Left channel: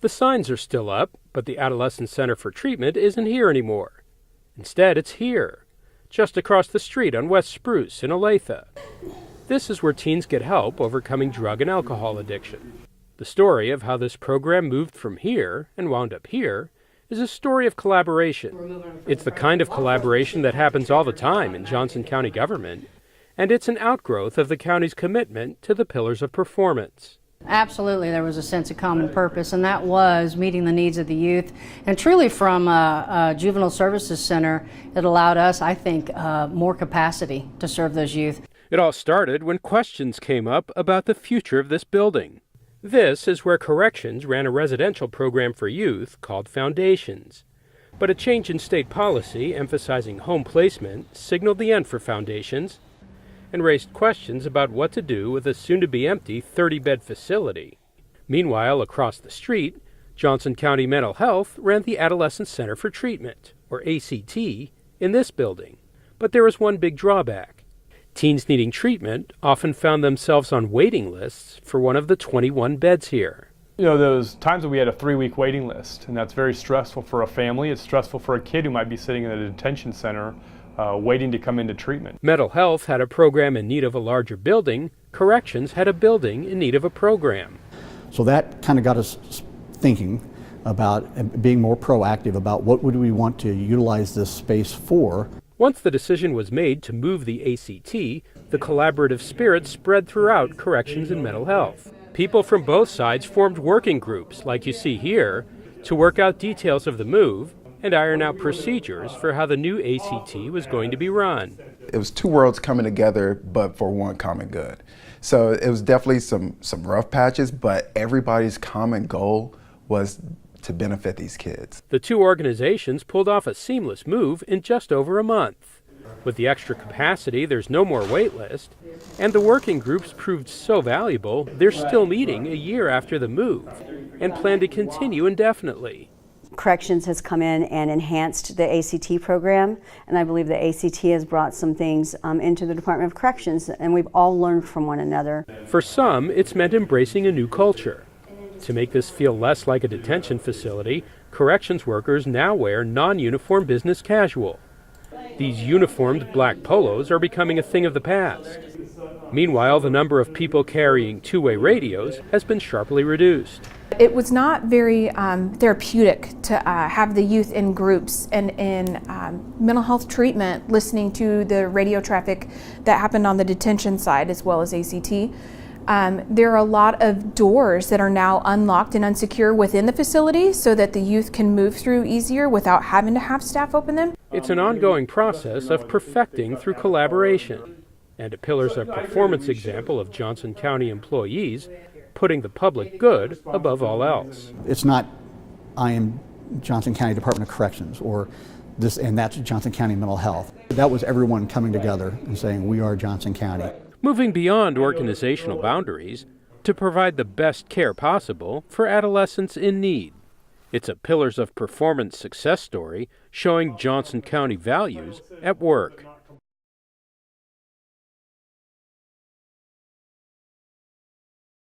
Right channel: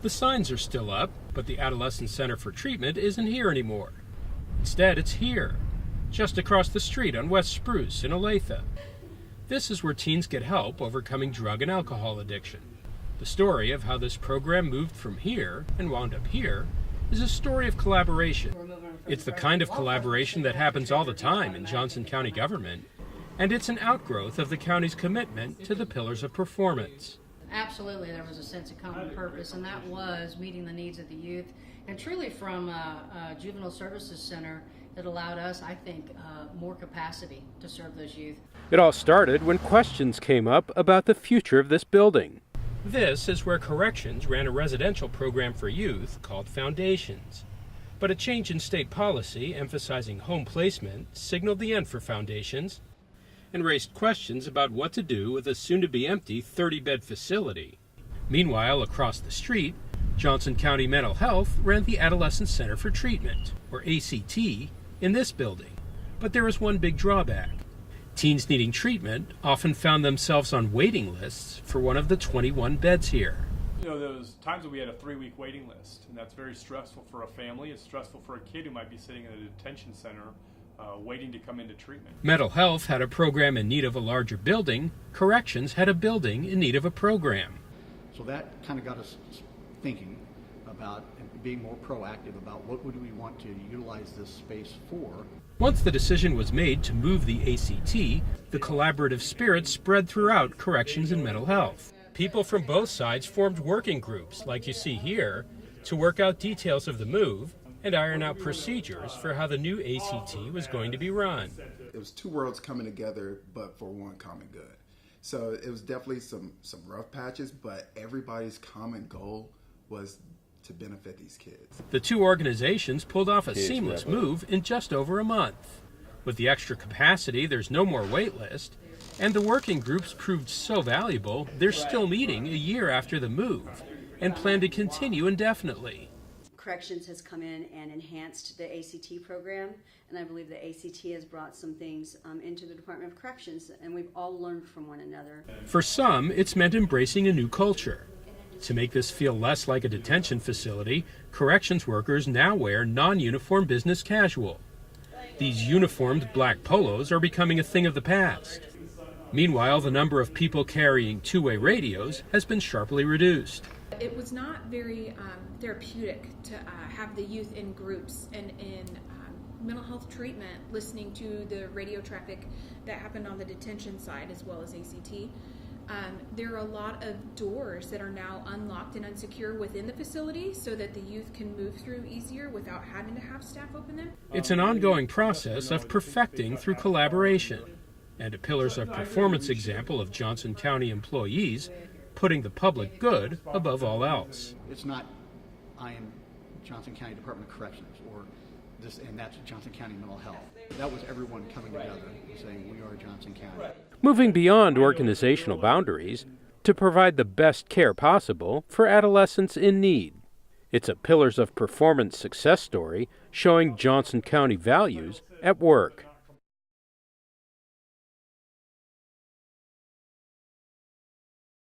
The signs are still up, but the Adolescent Center for Treatment isn't here anymore. Instead, it's here, just across the street on West Spruce in Olathe. This is where teens get help overcoming drug and alcohol addiction. The story of how this program moved from here and wound up here is a story of collaboration. It's the kind of collaboration that happens all the time in Johnson County government, and it's an outgrowth of the county's commitment to the pillars of performance. Absolutely, there was a sense of common purpose, and that was meeting the needs of the youth. And truly from a Juvenile Services Center, it allowed us, I think, more capacity to serve those youth. It all started when questions came up about the future of this building. This is where Corrections ran a residential program for youth called Foundations. But a change in state policy emphasizing home placement signaled the end for Foundations and raised questions about what to do with a soon-to-be-empty 30-bed facility. Meanwhile, across the street, Johnson County Mental Health ran the Adolescent Center for Treatment, or ACT, in this building. But there was one big drawback. Teens needing treatment often found themselves on waiting lists for one of the 21 beds here. You know, those times that we had a 3-week waiting list, and that's very stressful for a family. It's stressful for a kid who might be sitting in a detention center waiting to come into treatment. Mental Health had a program in need of a larger building. Corrections had a building in need of a program. So that kind of got us thinking about being more proactive about what would we want to utilize this space for. Once the decision was made to move the ACT, the collaborative spirit spread throughout Corrections and Mental Health. People from both sides formed working groups, like you see here, to work out details of the move and iron out procedures for how the new ACT was going to be run. It was two worlds coming together, but for one common good. So it was definitely some rough patches, but everybody's common goal was to benefit these kids. The two organizations pulled off a seamless move in just over a month. With the extra capacity, there's no more wait list, and the working groups proved so valuable, they're still meeting a year after the move and plan to continue indefinitely. Corrections has come in and enhanced the ACT program, and I believe the ACT has brought some things into the Department of Corrections, and we've all learned from one another. For some, it's meant embracing a new culture. To make this feel less like a detention facility, corrections workers now wear non-uniform business casual. These uniformed black polos are becoming a thing of the past. Meanwhile, the number of people carrying two-way radios has been sharply reduced. It was not very therapeutic to have the youth in groups and in mental health treatment, listening to the radio traffic that happened on the detention side as well as ACT. There are a lot of doors that are now unlocked and unsecure within the facility so that the youth can move through easier without having to have staff open them. It's an ongoing process of perfecting through collaboration, and a Pillars of Performance example of Johnson County employees putting the public good above all else. It's not, I am Johnson County Department of Corrections, or this, and that's Johnson County Mental Health. That was everyone coming together and saying, we are Johnson County. Moving beyond organizational boundaries to provide the best care possible for adolescents in need. It's a Pillars of Performance success story showing Johnson County values at work.